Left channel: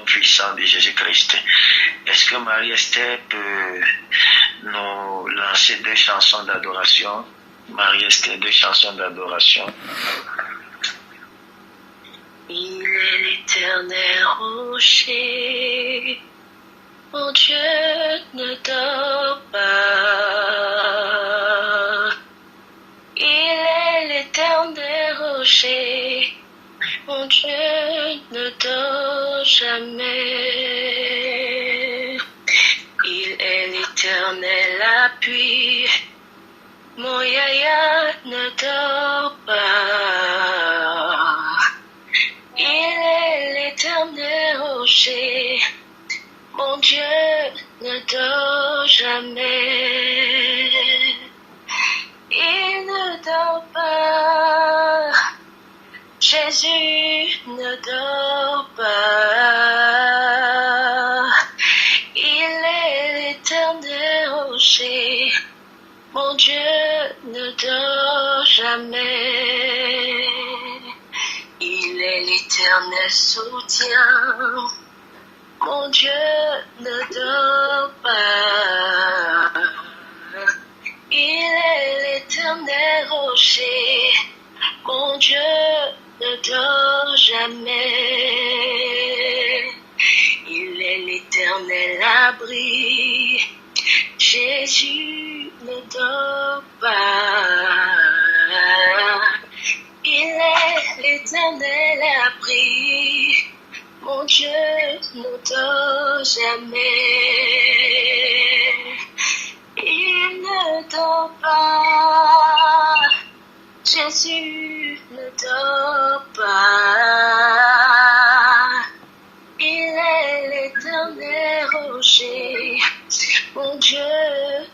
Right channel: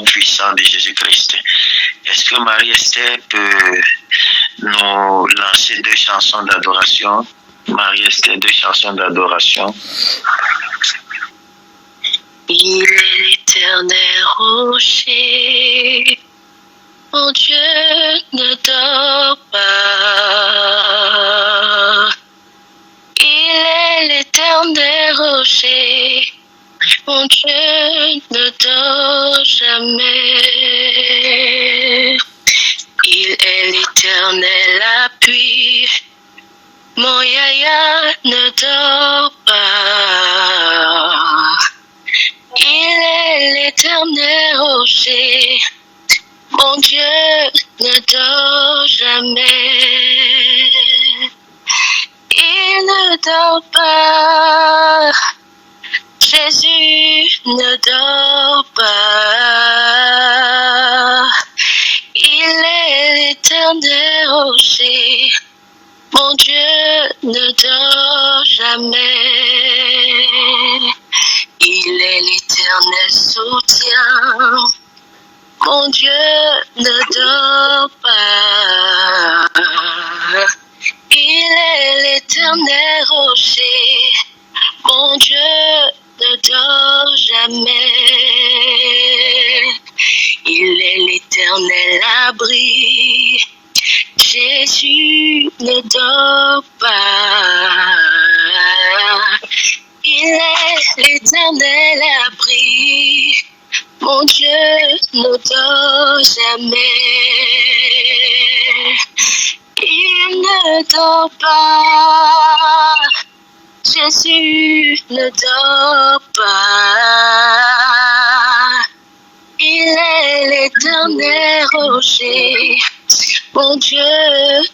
nom puissant de Jésus-Christ. Est-ce que Marie-Esther peut nous lancer 2 chansons d'adoration? Marie-Esther, 2 chansons d'adoration. Il est l'éternel rocher, mon Dieu ne dort pas. Il est l'éternel rocher, mon Dieu ne dort jamais. Il est l'éternel appui, mon Yahya ne dort pas. Il est l'éternel rocher, mon Dieu ne dort jamais. Il ne dort pas, Jésus ne dort pas. Il est l'éternel rocher, mon Dieu ne dort jamais. Il est l'éternel soutien, mon Dieu ne dort pas. Il est l'éternel rocher, mon Dieu ne dort jamais. Il est l'éternel abri, Jésus ne dort pas. Il est l'éternel abri, mon Dieu ne dort jamais. Il ne dort pas, Jésus ne dort pas. Il est l'éternel rocher, mon Dieu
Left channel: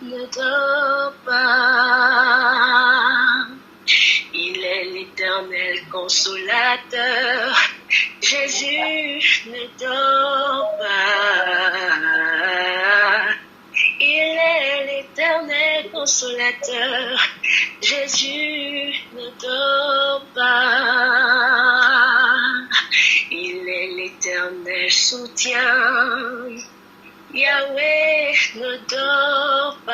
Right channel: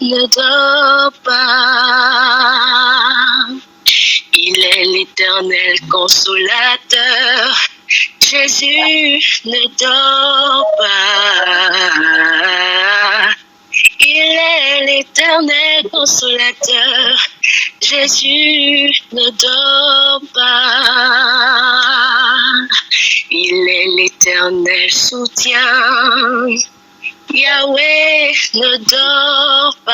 ne dort pas. Il est l'éternel consolateur, Jésus ne dort pas. Il est l'éternel consolateur, Jésus ne dort pas. Il est l'éternel soutien, Yahweh ne dort pas.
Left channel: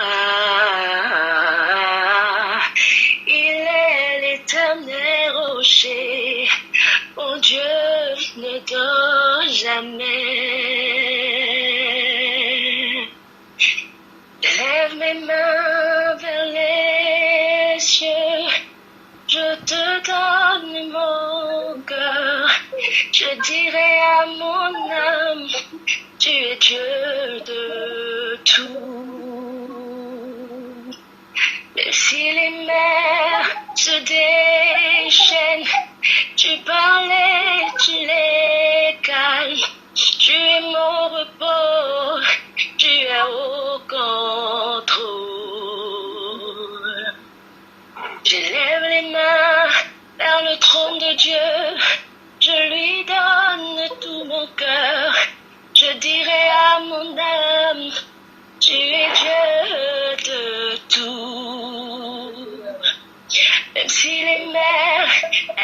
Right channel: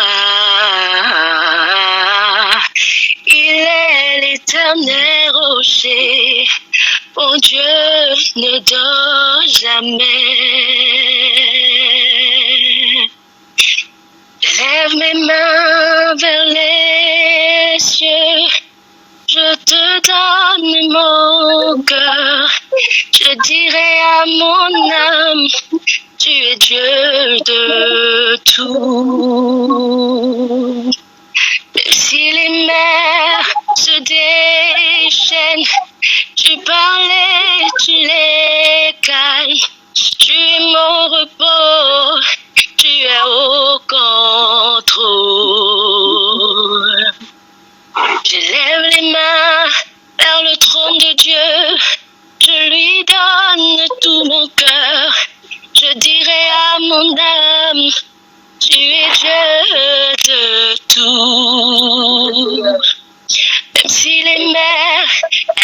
Il est l'éternel rocher, mon Dieu ne dort jamais. Lève mes mains vers les cieux, je te donne mon cœur. Je dirai à mon âme, tu es Dieu de tout. Même si les mers se déchaînent, tu parlais, tu les calmes. Tu es mon repos, tu es au contrôle. Je lève les mains vers le trône de Dieu, je lui donne tout mon cœur. Je dirai à mon âme, tu es Dieu de tout. Même si les mers,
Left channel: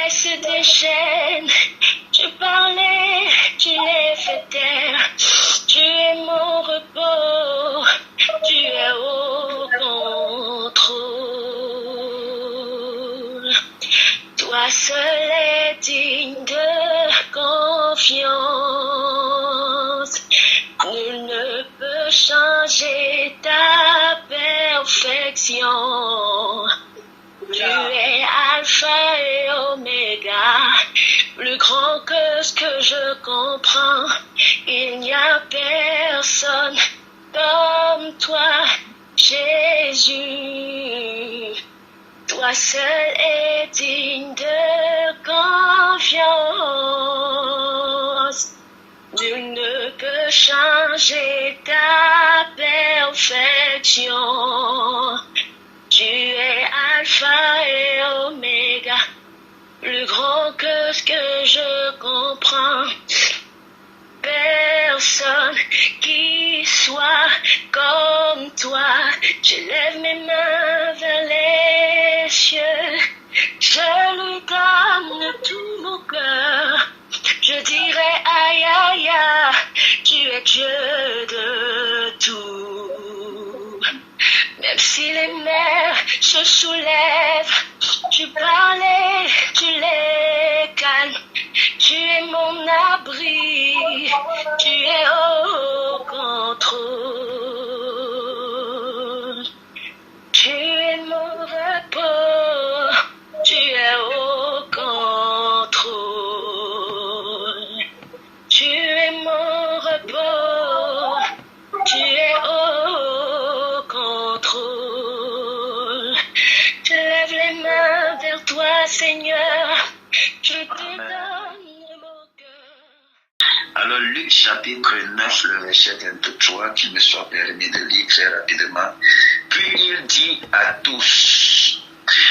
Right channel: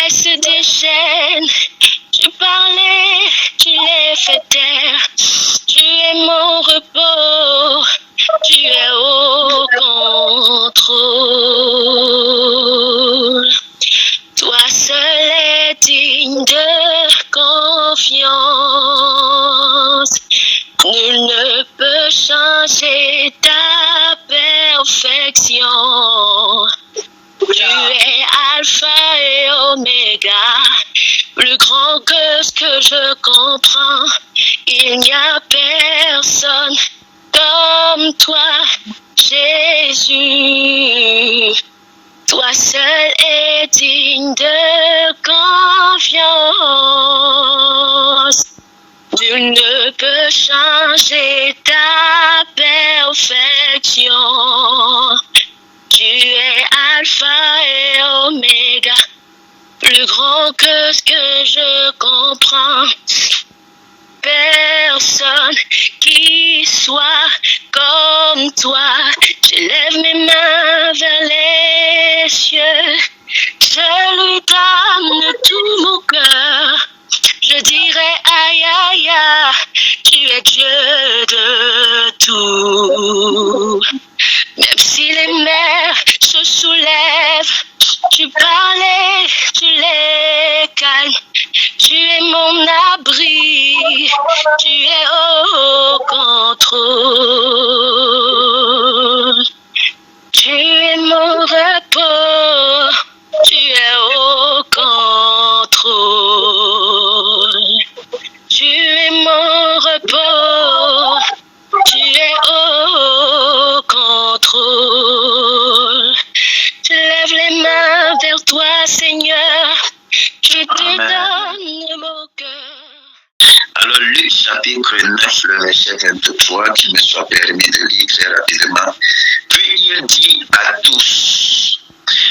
elles se déchaînent, tu parlais, tu les fais taire. Tu es mon repos, tu es au contrôle. Toi seul es digne de confiance. Nul ne peut changer ta perfection. Tu es Alpha et Oméga, plus grand que ce que je comprends. Il n'y a personne comme toi, Jésus. Toi seul es digne de confiance. Nul ne peut changer ta perfection. Tu es Alpha et Oméga, plus grand que ce que je comprends. Personne qui soit comme toi. Je lève mes mains vers les cieux, je lui donne tout mon cœur. Je dirai aïe aïe aïe, Alors Luc chapitre 9, le verset 23, qu'il me soit permis de lire très rapidement. Puis il dit à tous,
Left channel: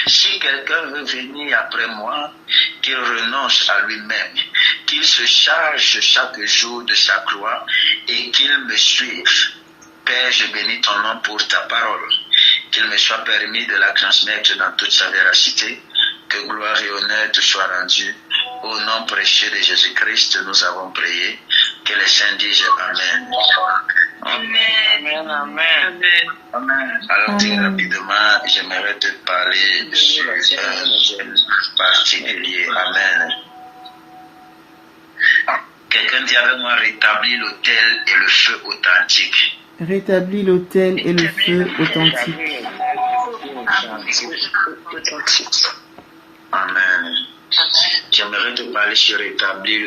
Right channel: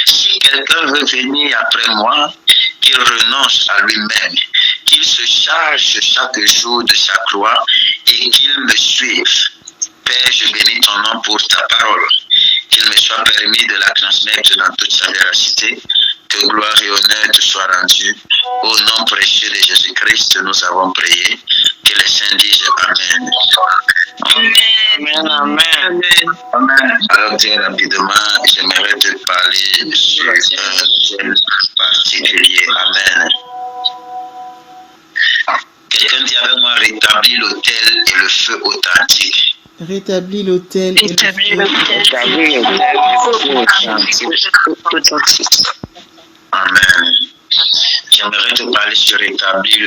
si quelqu'un veut venir après moi, qu'il renonce à lui-même, qu'il se charge chaque jour de sa croix et qu'il me suive. Père, je bénis ton nom pour ta parole, qu'il me soit permis de la transmettre dans toute sa véracité, que gloire et honneur te soient rendus. Au nom précieux de Jésus-Christ, nous avons prié. Que les saints disent Amen. Amen, amen, amen. Alors, très rapidement, j'aimerais te parler sur un thème particulier. Amen. Quelqu'un dit avec moi, rétablir l'autel et le feu authentique. Rétablis l'autel et le feu authentique. Amen. J'aimerais te parler sur rétablir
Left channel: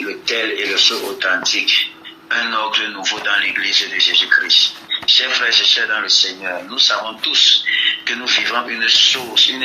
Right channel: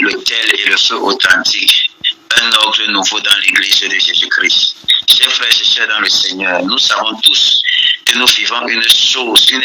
l'autel et le feu authentique. Un ordre nouveau dans l'Église de Jésus-Christ. Chers frères et sœurs dans le Seigneur, nous savons tous que nous vivons une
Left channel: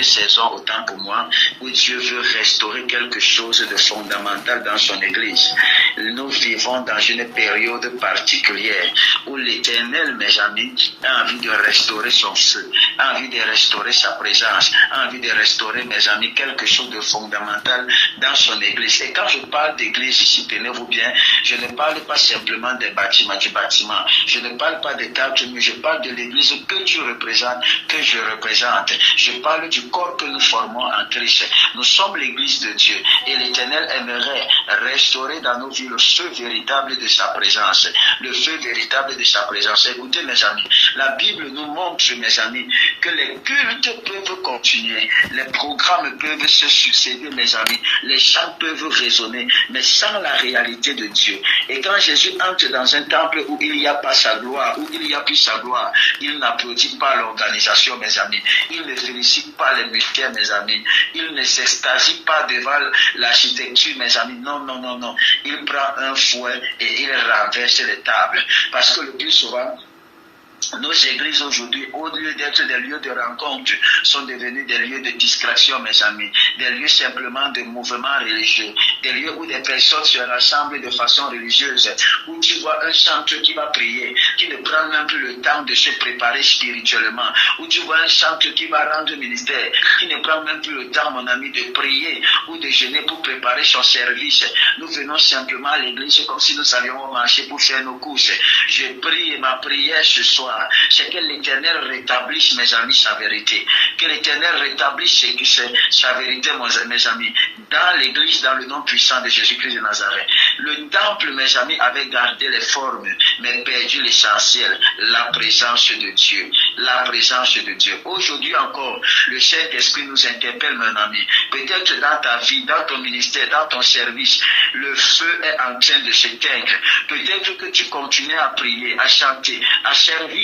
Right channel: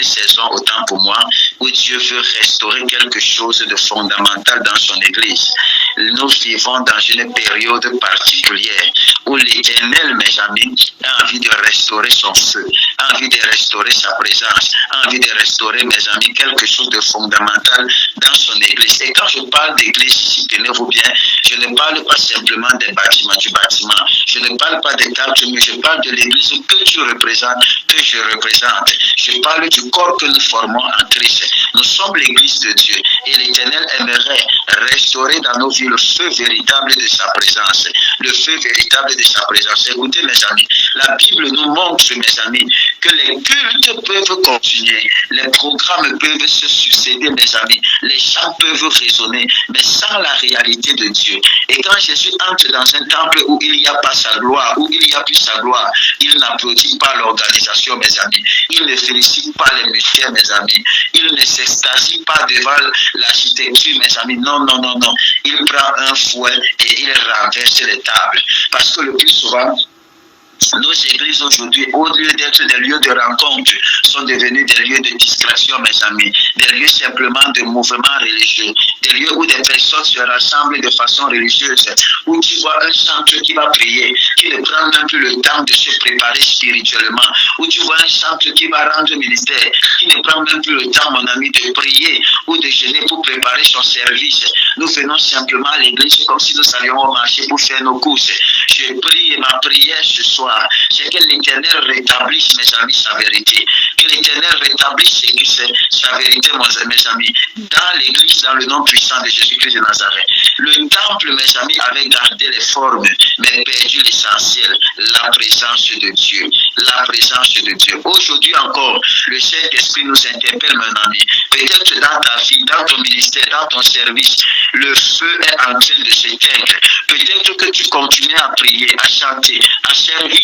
saison, autant pour moi, où Dieu veut restaurer quelque chose de fondamental dans son Église. Nous vivons dans une période particulière où l'Éternel, mes amis, a envie de restaurer son feu, a envie de restaurer sa présence, a envie de restaurer, mes amis, quelque chose de fondamental dans son Église. Et quand je parle d'Église ici, tenez-vous bien, je ne parle pas simplement des bâtiments, du bâtiment, je ne parle pas des cartes, mais je parle de l'Église que tu représentes, que je représente. Je parle du corps que nous formons en Christ. Nous sommes l'Église de Dieu et l'Éternel aimerait restaurer dans nos vies le feu véritable de sa présence. Le feu véritable de sa présence. Écoutez mes amis, la Bible nous montre, mes amis, que les cultes peuvent continuer, les programmes peuvent se succéder, mes amis, les chants peuvent résonner, mais sans la réalité de Dieu. Et quand Jésus entre dans un temple où il n'y a pas sa gloire, où il n'y a plus sa gloire, il n'applaudit pas l'organisation, mes amis. Il ne félicite pas les musiciens, mes amis. Il ne s'extasie pas devant l'architecture, mes amis. Non, non, non, non. Il prend un fouet et il renverse les tables. Parce que le plus souvent, nos églises aujourd'hui, au lieu d'être des lieux de rencontre, sont devenus des lieux de distraction, mes amis, des lieux simplement de mouvement religieux, des lieux où des personnes se rassemblent de façon religieuse, où tu vois un chanteur qui va prier, qui ne prend même plus le temps de se préparer spirituellement, où tu vois un chanteur qui va rendre ministère, qui ne prend même plus le temps, mon ami, de prier ou de jeûner pour préparer son service. Nous venons simplement à l'église comme si nous allions au marché pour faire nos courses. Je prie et ma prière ce soir, c'est que l'Éternel rétablisse, mes amis, sa vérité. Que l'Éternel rétablisse sa vérité, mes amis, dans l'Église, dans le nom puissant de Jésus-Christ de Nazareth. Le temple, mes amis, avait gardé les formes, mais perdu l'essentiel, la présence de Dieu. La présence de Dieu. Aujourd'hui encore, le Saint-Esprit nous interpelle, mon ami. Peut-être dans ta vie, dans ton ministère, dans ton service, le feu est en train de s'éteindre. Peut-être que tu continues à prier, à chanter, à servir,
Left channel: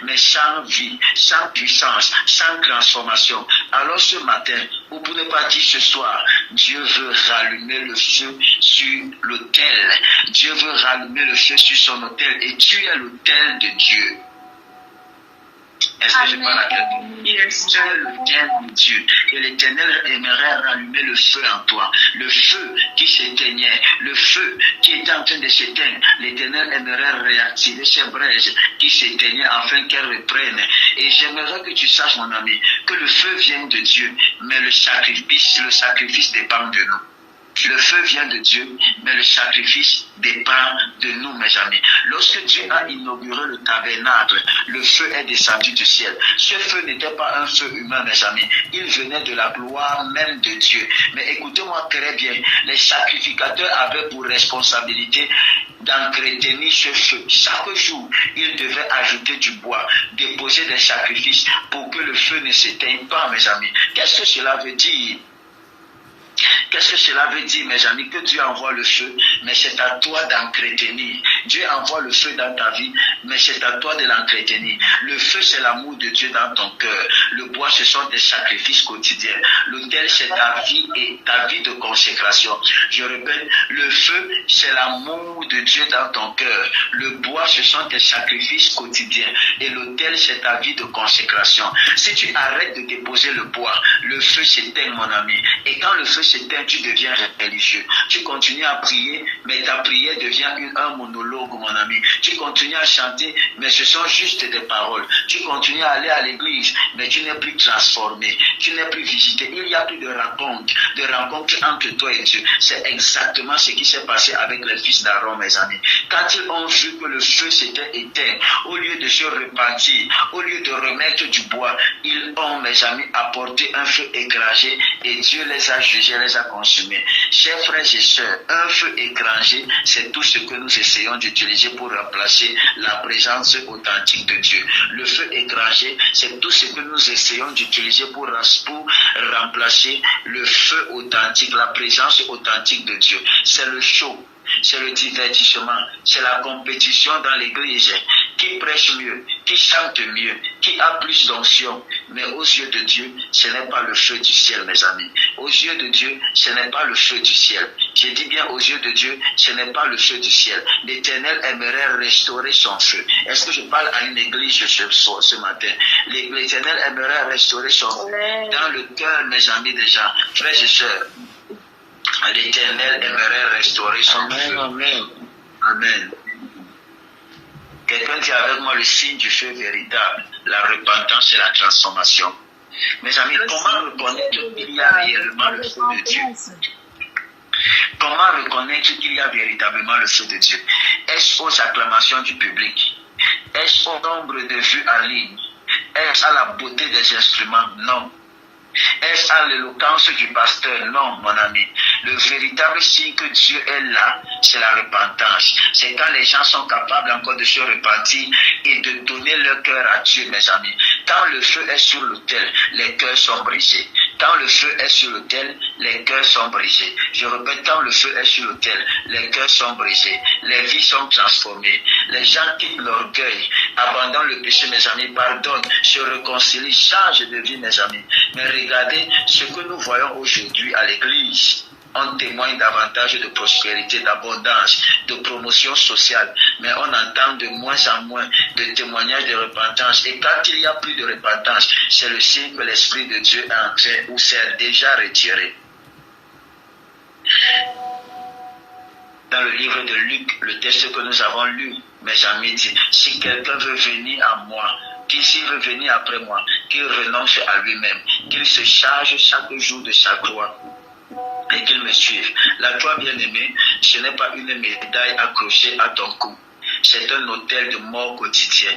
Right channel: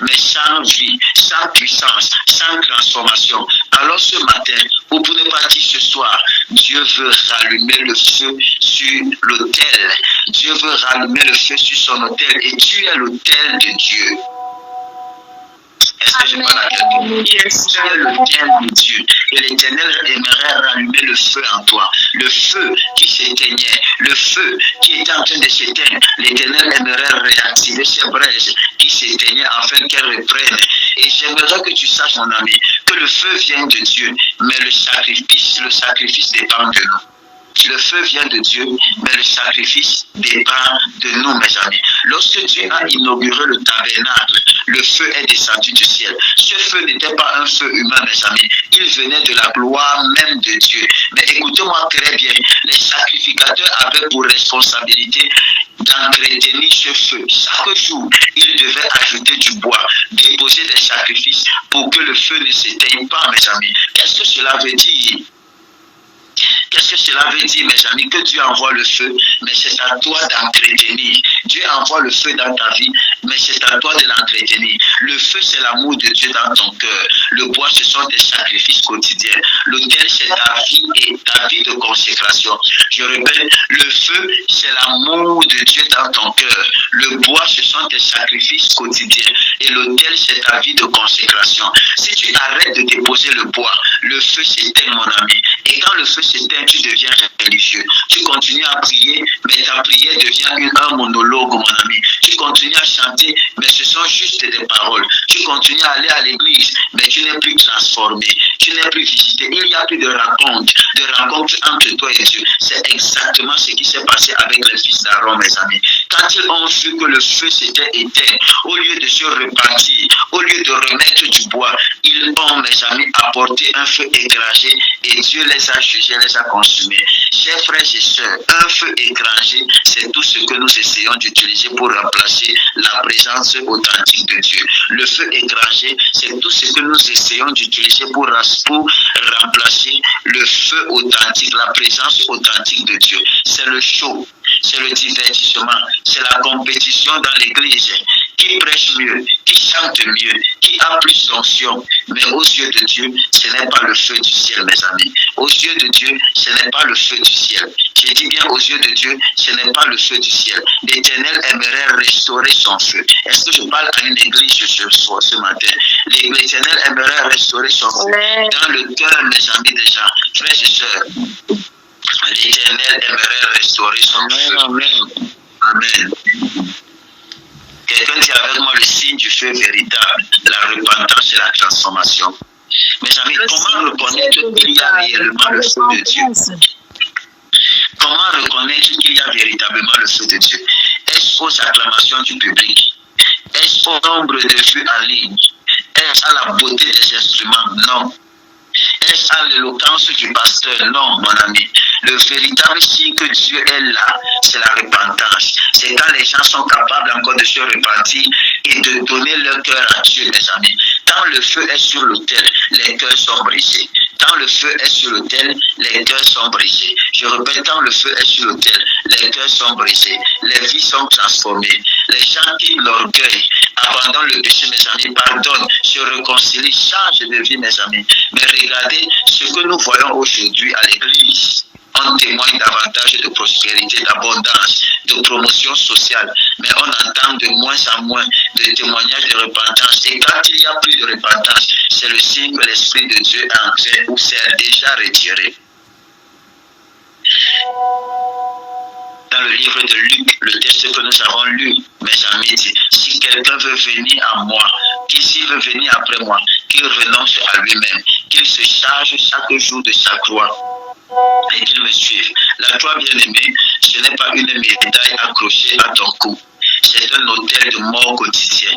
mais sans vie, sans puissance, sans transformation. Alors ce matin, ou pour ne pas dire ce soir, Dieu veut rallumer le feu sur l'autel. Dieu veut rallumer le feu sur son autel et tu es l'autel de Dieu. Est-ce que je parle à quelqu'un? Tu es l'autel de Dieu. Et l'Éternel aimerait rallumer le feu en toi. Le feu qui s'éteignait, le feu qui était en train de s'éteindre. L'Éternel aimerait réactiver ces braises qui s'éteignaient afin qu'elles reprennent. Et j'aimerais que tu saches, mon ami, que le feu vient de Dieu, mais le sacrifice dépend de nous. Le feu vient de Dieu, mais le sacrifice dépend de nous, mes amis. Lorsque Dieu a inauguré le tabernacle, le feu est descendu du ciel. Ce feu n'était pas un feu humain, mes amis. Il venait de la gloire même de Dieu. Mais écoutez-moi très bien, les sacrificateurs avaient pour responsabilité d'entretenir ce feu. Chaque jour, ils devaient ajouter du bois, déposer des sacrifices pour que le feu ne s'éteigne pas, mes amis. Qu'est-ce que cela veut dire? Qu'est-ce que cela veut dire, mes amis? Que Dieu envoie le feu, mais c'est à toi d'entretenir. Dieu envoie le feu dans ta vie, mais c'est à toi de l'entretenir. Le feu, c'est l'amour de Dieu dans ton cœur. Le bois, ce sont des sacrifices quotidiens. L'autel, c'est ta vie et ta vie de consécration. Je répète, le feu, c'est l'amour de Dieu dans ton cœur. Le bois, ce sont des sacrifices quotidiens. Et l'autel, c'est ta vie de consécration. Si tu arrêtes de déposer le bois, le feu s'éteint, mon ami. Et quand le feu s'éteint, chrétien, tu deviens religieux. Tu continues à prier, mais ta prière devient un monologue, mon ami. Tu continues à chanter, mais ce sont juste des paroles. Tu continues à aller à l'église, mais tu n'es plus transformé. Tu n'es plus visité. Il n'y a plus de rencontre entre toi et Dieu. C'est exactement ce qui s'est passé avec les fils d'Aaron, mes amis. Quand ils ont vu que le feu s'était éteint, au lieu de se repentir, au lieu de remettre du bois, ils ont, mes amis, apporté un feu écrasé et Dieu les a jugés, les a consumés. Chers frères et sœurs, un feu écrasé, c'est tout ce que nous essayons d'utiliser pour remplacer la présence authentique de Dieu. Le feu écrasé, c'est tout ce que nous essayons d'utiliser pour remplacer le feu authentique, la présence authentique de Dieu. C'est le show, c'est le divertissement, c'est la compétition dans l'église. Qui prêche mieux, qui chante mieux, qui a plus d'onction. Mais aux yeux de Dieu, ce n'est pas le feu du ciel, mes amis. Aux yeux de Dieu, ce n'est pas le feu du ciel. J'ai dit bien aux yeux de Dieu, ce n'est pas le feu du ciel. L'Éternel aimerait restaurer son feu. Est-ce que je parle à une église ce matin? L'Éternel aimerait restaurer son feu dans le cœur, mes amis, des gens. Frères et sœurs, l'Éternel aimerait restaurer son feu. Amen. Quelqu'un dit avec moi le signe du feu véritable, la repentance et la transformation. Mes amis, comment reconnaître qu'il y a réellement le feu de Dieu? Comment reconnaître qu'il y a véritablement le feu de Dieu? Est-ce aux acclamations du public? Est-ce au nombre de vues en ligne? Est-ce à la beauté des instruments? Non. Est-ce à l'éloquence du pasteur? Non, mon ami. Le véritable signe que Dieu est là, c'est la repentance. C'est quand les gens sont capables encore de se repentir et de donner leur cœur à Dieu, mes amis. Quand le feu est sur l'autel, les cœurs sont brisés. Quand le feu est sur l'autel, les cœurs sont brisés. Je répète, quand le feu est sur l'autel, les cœurs sont brisés. Les vies sont transformées. Les gens quittent l'orgueil, abandonnent le péché, mes amis, pardonnent, se réconcilient, changent de vie, mes amis. Mais regardez ce que nous voyons aujourd'hui à l'église. On témoigne davantage de prospérité, d'abondance, de promotion sociale, mais on entend de moins en moins de témoignages de repentance. Et quand il n'y a plus de repentance, c'est le signe que l'Esprit de Dieu est entré ou s'est déjà retiré. Dans le livre de Luc, le texte que nous avons lu, mes amis, dit, si quelqu'un veut venir à moi, s'il veut venir après moi, qu'il renonce à lui-même, qu'il se charge chaque jour de sa croix et qu'il me suive. La croix, bien-aimée, ce n'est pas une médaille accrochée à ton cou. C'est un autel de mort quotidien.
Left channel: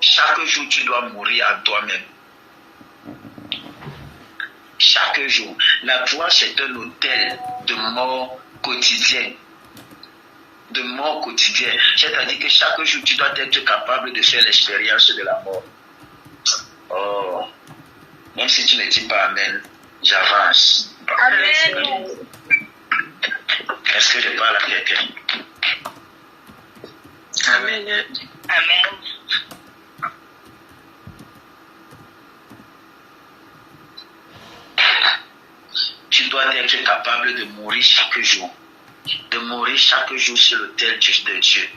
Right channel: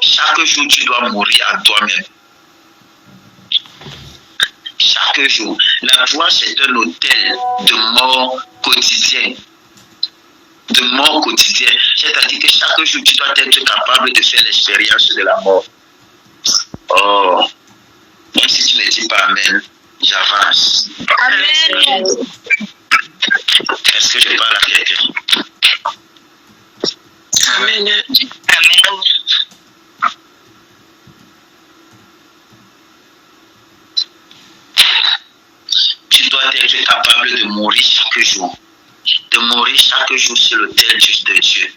Chaque jour, tu dois mourir à toi-même. Chaque jour. La croix, c'est un autel de mort quotidien. De mort quotidienne. C'est-à-dire que chaque jour, tu dois être capable de faire l'expérience de la mort. Oh, même si tu ne dis pas Amen, j'avance. Amen. Est-ce que je parle à quelqu'un? Amen. Amen. Tu dois être capable de mourir chaque jour. De mourir chaque jour sur l'autel de Dieu.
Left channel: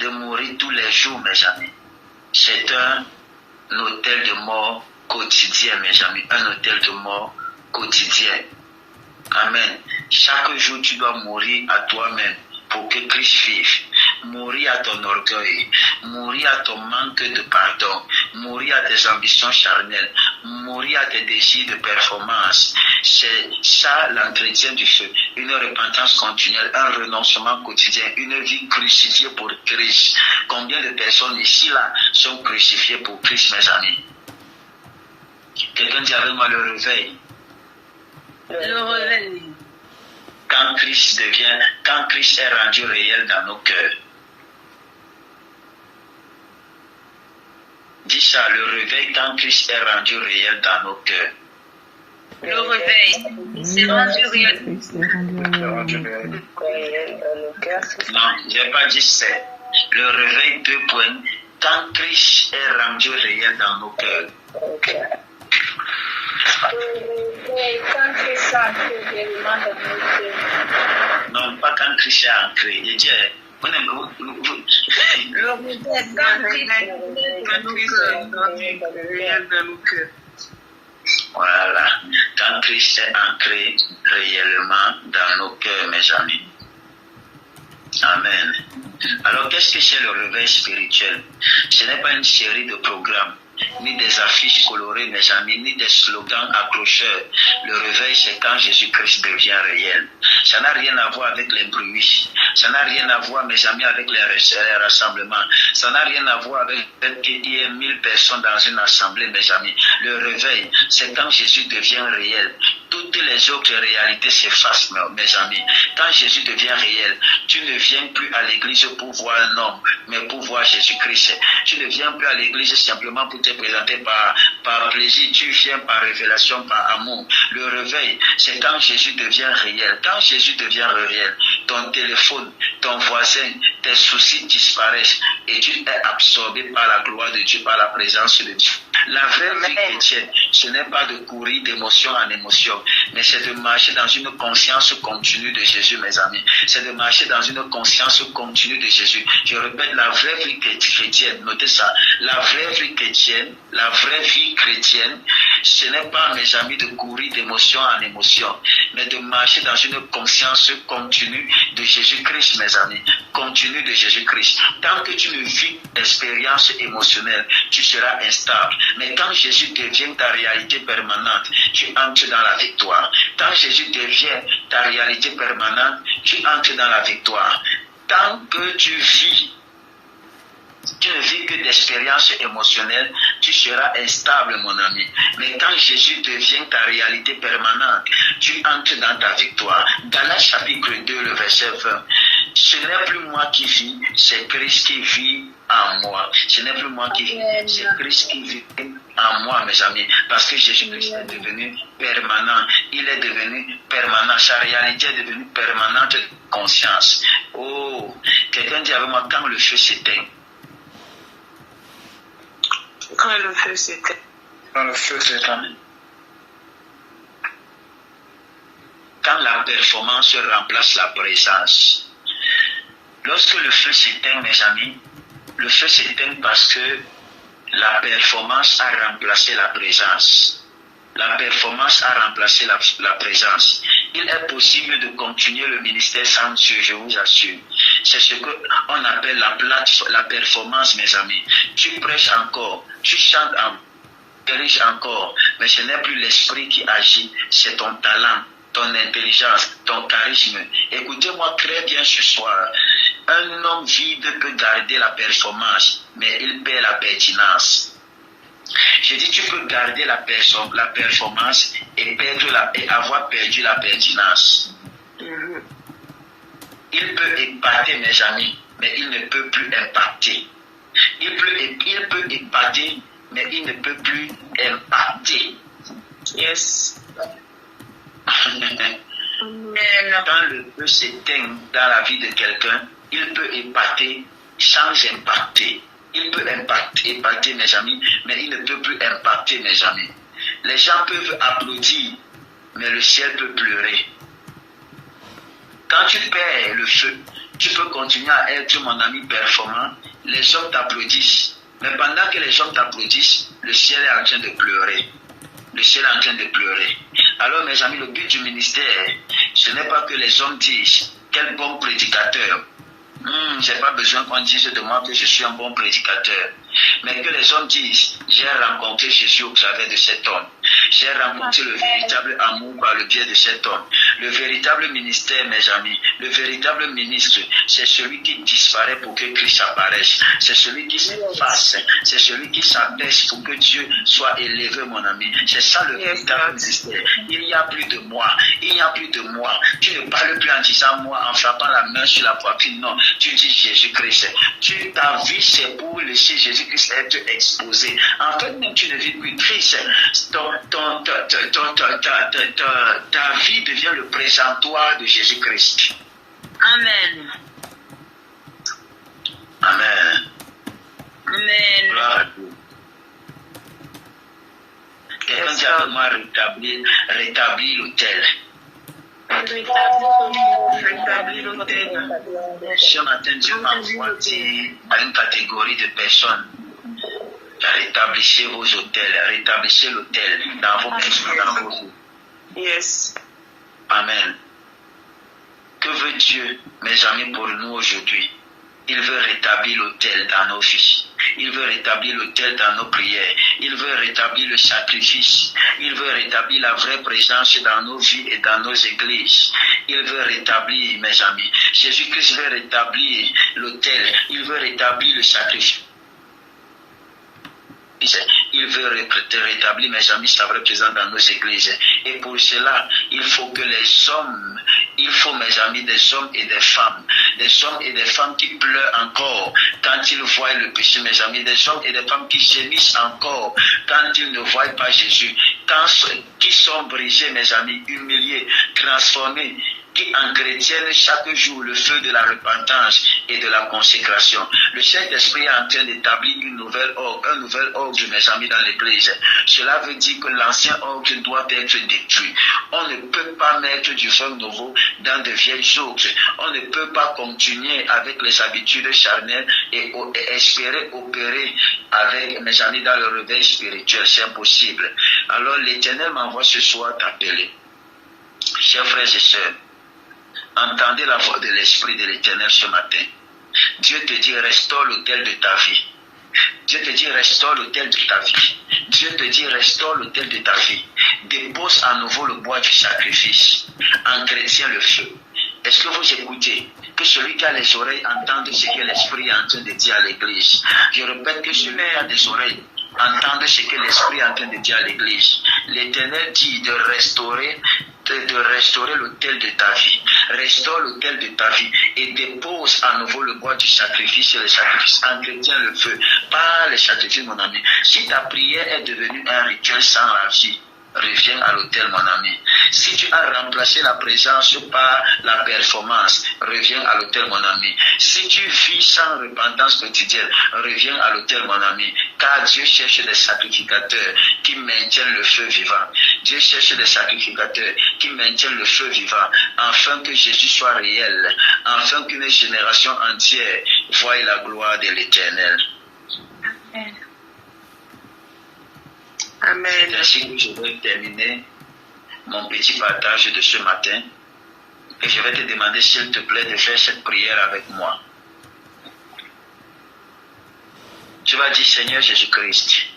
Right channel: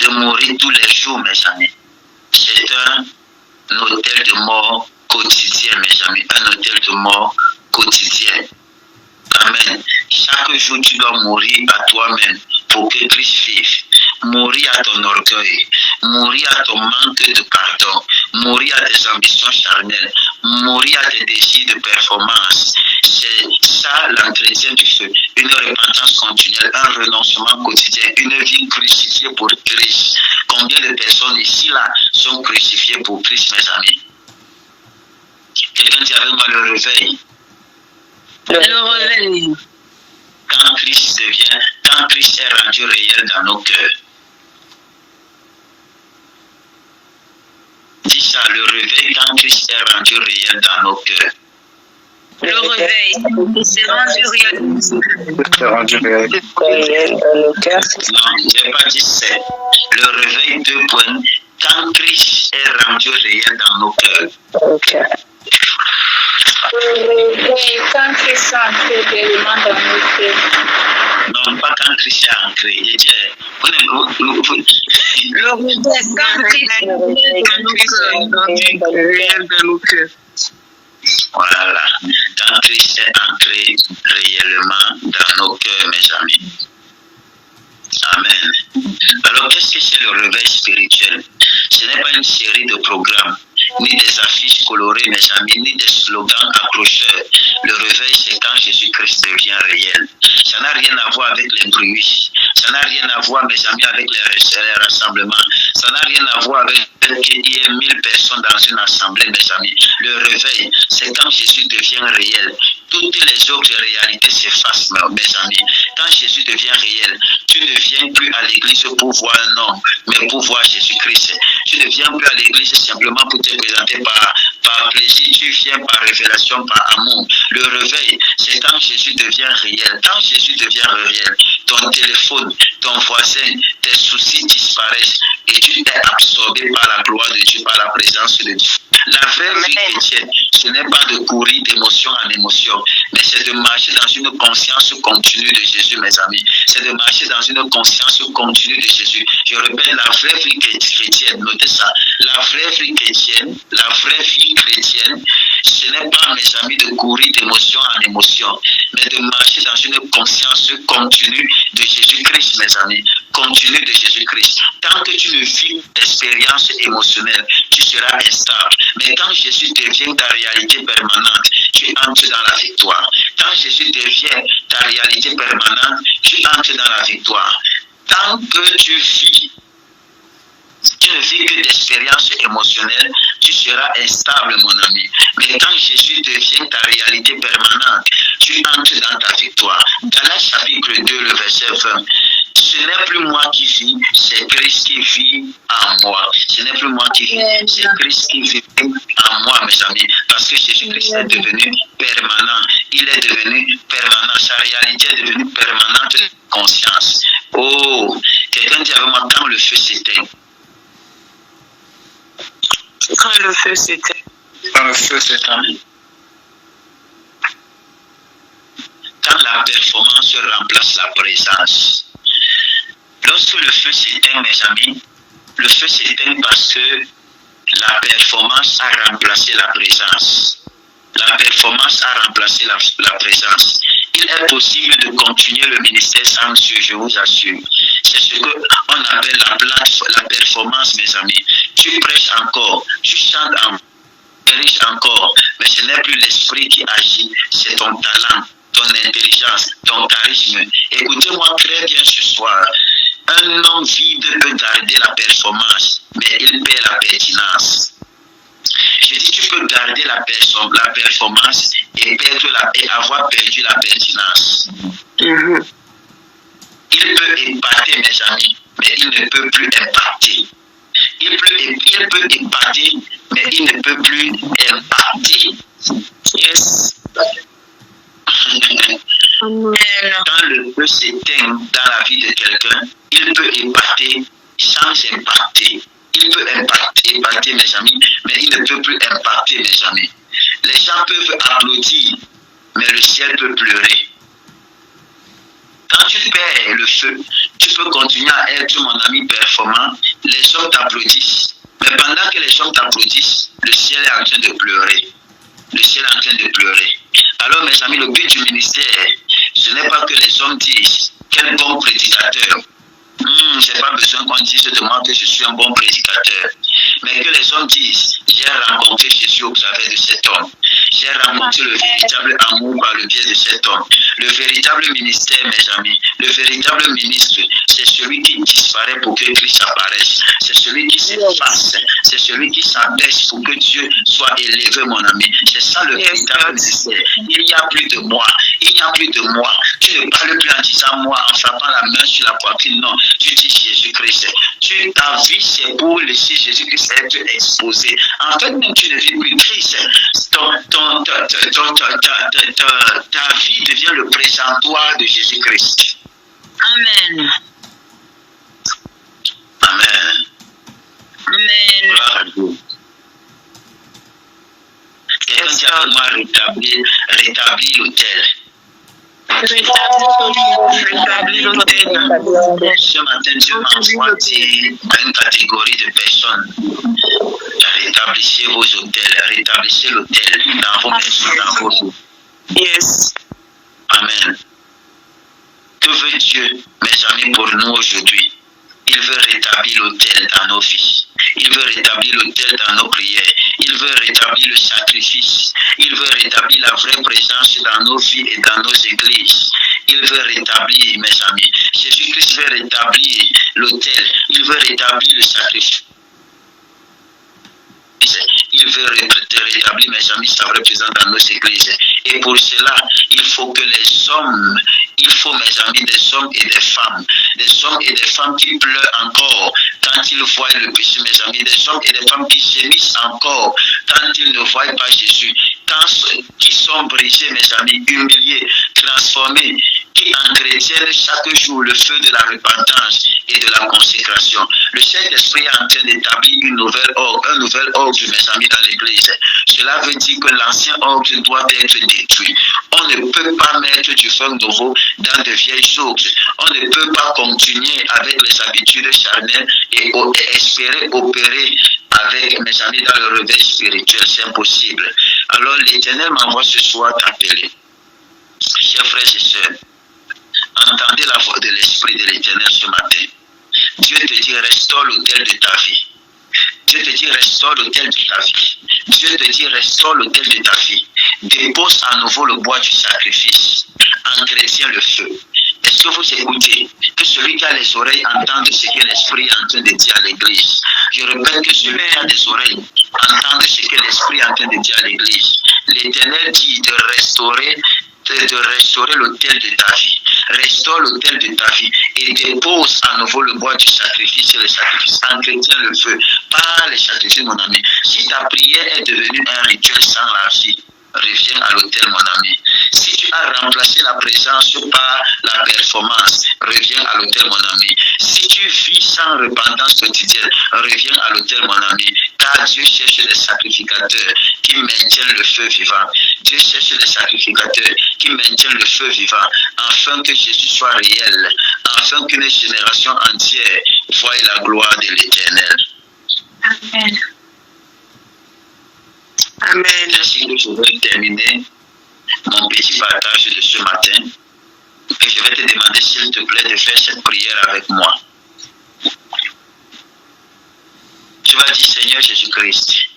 De mourir tous les jours, mes amis. C'est un autel de mort quotidien, mes amis. Un autel de mort quotidien. Amen. Chaque jour, tu dois mourir à toi-même pour que Christ vive. Mourir à ton orgueil. Mourir à ton manque de pardon. Mourir à tes ambitions charnelles. Mourir à tes désirs de performance. C'est ça l'entretien du feu. Une repentance continuelle, un renoncement quotidien, une vie crucifiée pour Christ. Combien de personnes ici là sont crucifiées pour Christ, mes amis? Quelqu'un dit avec moi le réveil. Le réveil. Quand Christ est rendu réel dans nos cœurs. Dis ça, le réveil quand Christ est rendu réel dans nos cœurs. Le réveil, c'est rendu réel. C'est rendu réel dans nos cœurs. Non, je n'ai pas dit c'est. Le réveil, 2 points. Quand Christ est rendu réel dans nos cœurs. Ok. Quand Christ est entré réellement dans nos cœurs. Non, pas quand Christ est entré. Je dis, Le réveil, quand Christ est rendu réel dans nos cœurs. Voilà. Quand Christ est entré réellement dans nos cœurs, mes amis. Amen. Alors, qu'est-ce que c'est le réveil spirituel? Ce n'est pas une série de programmes, ni des affiches colorées, mes amis, ni des slogans accrocheurs. Le réveil, c'est quand Jésus-Christ devient réel. Ça n'a rien à voir avec les bruits. Ça n'a rien à voir, mes amis, avec les rassemblements. Ça n'a rien à voir avec qu'il y ait 1000 personnes dans une assemblée, mes amis. Le réveil, c'est quand Jésus devient réel. Toutes les autres réalités s'effacent, mes amis. Quand Jésus devient réel, tu ne viens plus à l'église pour voir un homme, mais pour voir Jésus-Christ. Tu ne viens plus à l'église simplement pour te présenter par plaisir. Tu viens par révélation, par amour. Le réveil, c'est quand Jésus devient réel. Quand Jésus devient réel, ton téléphone, ton voisin, tes soucis disparaissent et tu es absorbé par la gloire de Dieu, par la présence de Dieu. La vraie vie chrétienne, ce n'est pas de courir d'émotion en émotion, mais c'est de marcher dans une conscience continue de Jésus, mes amis. C'est de marcher dans une conscience continue de Jésus. Je répète, la vraie vie chrétienne, notez ça, la vraie vie chrétienne, ce n'est pas, mes amis, de courir d'émotion en émotion, mais de marcher dans une conscience continue de Jésus-Christ, mes amis. Continue de Jésus-Christ. Tant que tu ne vis l'expérience émotionnelle, tu seras instable. Mais quand Jésus devient ta réalité permanente, tu entres dans la victoire. Quand Jésus devient ta réalité permanente, tu entres dans la victoire. Tant que tu ne vis que d'expériences émotionnelles, tu seras instable, mon ami. Mais quand Jésus devient ta réalité permanente, tu entres dans ta victoire. Galates chapitre 2, le verset 20. Ce n'est plus moi qui vis, c'est Christ qui vit en moi. Ce n'est plus moi qui vis, c'est Christ qui vit en moi, mes amis. Parce que Jésus-Christ est devenu permanent. Il est devenu permanent. Sa réalité est devenue permanente de conscience. Oh, quelqu'un dit avec moi, quand le feu s'éteint. Quand le feu s'éteint. Quand le feu s'éteint. Quand la performance remplace la présence. Lorsque le feu s'éteint, mes amis, le feu s'éteint parce que la performance a remplacé la présence. La performance a remplacé la présence. Il est possible de continuer le ministère sans Dieu, je vous assure. C'est ce qu'on appelle la performance, mes amis. Tu prêches encore, tu chantes encore, tu diriges encore, mais ce n'est plus l'esprit qui agit, c'est ton talent, ton intelligence, ton charisme. Écoutez-moi très bien ce soir. Un homme vide peut garder la performance, mais il perd la pertinence. Je dis, tu peux garder la performance et avoir perdu la pertinence. Il peut impacter, mes amis, mais il ne peut plus impacter. Il peut impacter, mais il ne peut plus impacter. Yes. Quand le feu s'éteint dans la vie de quelqu'un, il peut impacter sans impacter. Il peut impacter, mes amis, mais il ne peut plus impacter, mes amis. Les gens peuvent applaudir, mais le ciel peut pleurer. Quand tu perds le feu, tu peux continuer à être, mon ami, performant. Les hommes t'applaudissent. Mais pendant que les hommes t'applaudissent, le ciel est en train de pleurer. Le ciel est en train de pleurer. Alors, mes amis, le but du ministère, ce n'est pas que les hommes disent quel bon prédicateur. Je n'ai pas besoin qu'on dise de moi que je suis un bon prédicateur. Mais que les hommes disent, j'ai rencontré Jésus au travers de cet homme. J'ai rencontré le véritable amour par le biais de cet homme. Le véritable ministère, mes amis, le véritable ministre, c'est celui qui disparaît pour que Christ apparaisse. C'est celui qui s'efface. C'est celui qui s'abaisse pour que Dieu soit élevé, mon ami. C'est ça le véritable ministère. Il n'y a plus de moi. Il n'y a plus de moi. Tu ne parles plus en disant moi, en frappant la main sur la poitrine. Non, tu dis Jésus-Christ. Ta vie, c'est pour laisser Jésus-Christ être exposé. En fait, même tu ne vis plus Christ. Ta vie devient le présentoir de Jésus-Christ. Amen. Amen. Amen. Gloire à Dieu. Quelqu'un dit à moi rétablir l'autel. Rétablir l'autel. Ce matin, Dieu m'envoie dire à une catégorie de personnes. Rétablissez vos hôtels, rétablissez l'hôtel dans vos maisons, dans vos vies. Yes. Amen. Que veut Dieu, mes amis, pour nous aujourd'hui? Il veut rétablir l'autel dans nos vies. Il veut rétablir l'autel dans nos prières. Il veut rétablir le sacrifice. Il veut rétablir la vraie présence dans nos vies et dans nos églises. Il veut rétablir, mes amis. Jésus-Christ veut rétablir l'autel. Il veut rétablir le sacrifice. Il veut rétablir, mes amis, sa vraie présence dans nos églises. Et pour cela, il faut que les hommes, il faut, mes amis, des hommes et des femmes qui pleurent encore quand ils voient le péché, mes amis, des hommes et des femmes qui gémissent encore quand ils ne voient pas Jésus, qui sont brisés, mes amis, humiliés, transformés, qui entretiennent chaque jour le feu de la repentance et de la consécration. Le Saint-Esprit est en train d'établir un nouvel ordre, mes amis, dans l'Église. Cela veut dire que l'ancien ordre doit être détruit. On ne peut pas mettre du feu nouveau dans de vieilles ordres. On ne peut pas continuer avec les habitudes charnelles et espérer opérer avec, mes amis, dans le réveil spirituel. C'est impossible. Alors l'Éternel m'envoie ce soir t'appeler. Chers frères et sœurs, entendez la voix de l'Esprit de l'Éternel ce matin. Dieu te dit, restaure l'autel de ta vie. Dieu te dit, restaure l'autel de ta vie. Dieu te dit, restaure l'autel de ta vie. Dépose à nouveau le bois du sacrifice. Entretiens le feu. Est-ce que vous écoutez? Que celui qui a les oreilles entende ce que l'Esprit est en train de dire à l'Église. Je répète, que celui qui a des oreilles entende ce que l'Esprit est en train de dire à l'Église. L'Éternel dit de restaurer l'autel de ta vie. Restaure l'autel de ta vie et dépose à nouveau le bois du sacrifice et le sacrifice. Entretiens le feu. Pas les sacrifices, mon ami. Si ta prière est devenue un rituel sans la vie, reviens à l'autel, mon ami. Si tu as remplacé la présence par la performance, reviens à l'autel, mon ami. Si tu vis sans repentance quotidienne, reviens à l'autel, mon ami. Car Dieu cherche des sacrificateurs qui maintiennent le feu vivant. Dieu cherche des sacrificateurs qui maintiennent le feu vivant, afin que Jésus soit réel, afin qu'une génération entière voie la gloire de l'Éternel. Amen. Amen. Ainsi que je vais terminer mon petit partage de ce matin, et je vais te demander, s'il te plaît, de faire cette prière avec moi. Tu vas dire, Seigneur Jésus-Christ.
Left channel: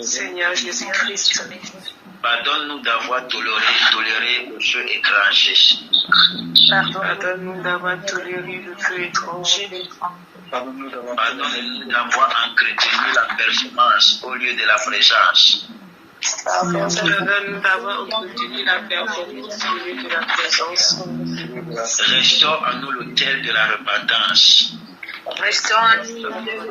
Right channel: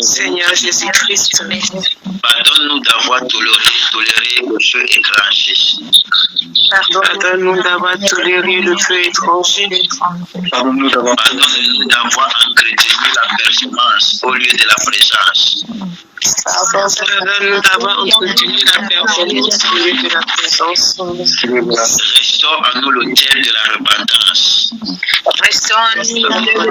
Seigneur Jésus-Christ, pardonne-nous d'avoir toléré le feu étranger. Pardonne-nous d'avoir toléré le feu étranger. Pardonne-nous d'avoir entretenu la performance au lieu de la présence. Pardonne-nous d'avoir entretenu la performance au lieu de la présence. Restaure en nous l'autel de la repentance. Restaure en nous l'autel de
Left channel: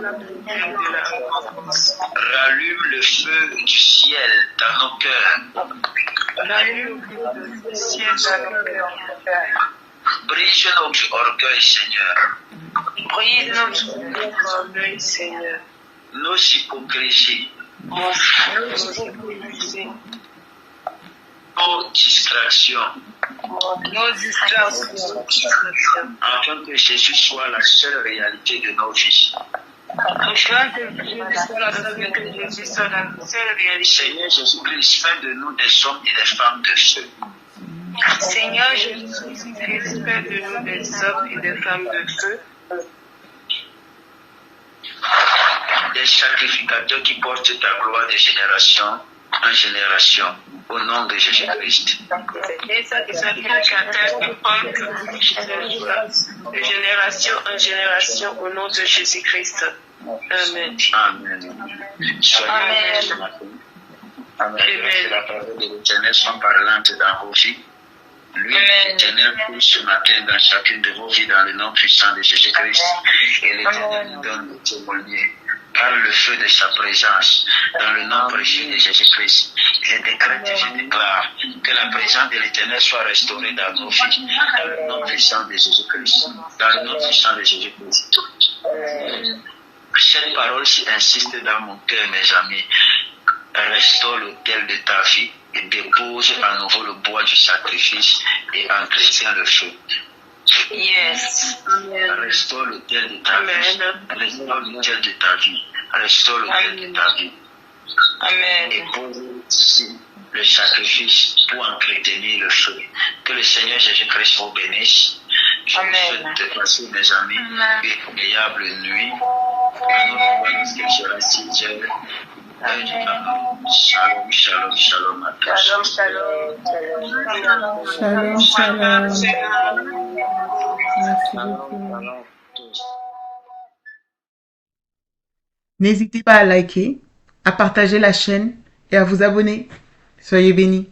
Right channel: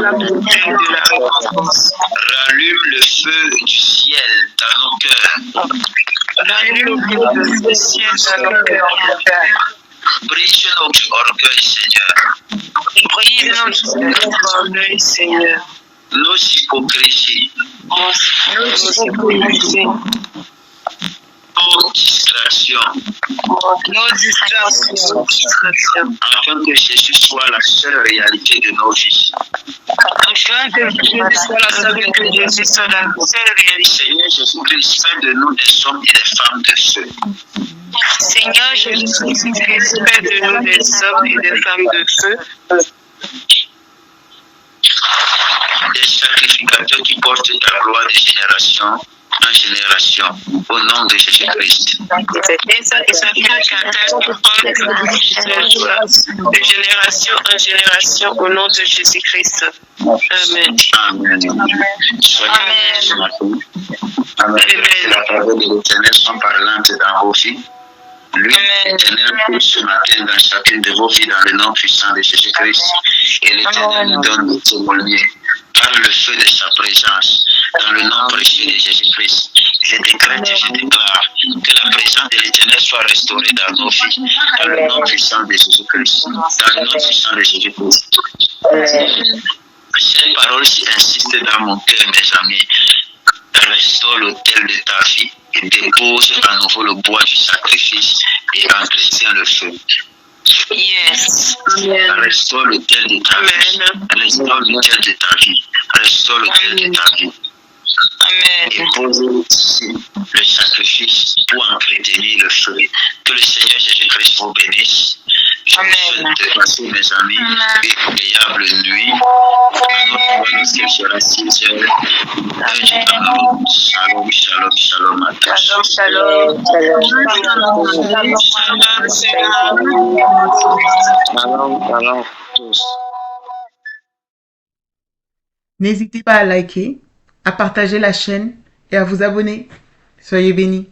la repentance. Rallume le feu du ciel dans nos cœurs. Rallume le feu du ciel dans nos cœurs. Brise notre orgueil, Seigneur. Brise notre orgueil, Seigneur. Nos hypocrisies. Nos distractions. Afin que Jésus soit la seule réalité de nos vies. Afin que Jésus soit la seule réalité. Seigneur Jésus-Christ, fais de nous des hommes et des femmes de feu. Seigneur Jésus-Christ, fais de nous des hommes et des femmes de feu. Des sacrificateurs qui portent ta gloire de génération en génération, au nom de Jésus-Christ. Des sacrificateurs qui portent de génération en génération, au nom de Jésus-Christ. Amen. Amen. Soyez Amen. La parole de l'Éternel sont parlantes dans vos vies. Lui, l'Éternel, pour ce matin dans chacune de vos vies, dans le nom puissant de Jésus-Christ. Et l'Éternel nous donne le témoigner par le feu de sa présence, dans le nom précieux de Jésus-Christ. Je décrète et je déclare que la présence de l'Éternel soit restaurée dans nos vies, dans le nom puissant de Jésus-Christ. Dans le nom puissant de Jésus-Christ. Cette parole-ci insiste dans mon cœur, mes amis. Restaure l'autel de ta vie et dépose à nouveau le bois du sacrifice et entretient le feu. Yes. Amen. Restaure l'autel de ta vie. Amen. Restaure l'autel de ta vie. Restaure l'autel de ta vie. Amen. Et pose ici le sacrifice pour entretenir le feu. Que le Seigneur Jésus-Christ vous bénisse. Je vous souhaite de passer, mes amis, une agréable nuit. Nous sera 6 heures. Shalom, shalom, shalom à tous. Shalom, shalom. Shalom, shalom. Shalom, shalom à tous. N'hésitez pas à liker, à partager la chaîne et à vous abonner. Soyez bénis.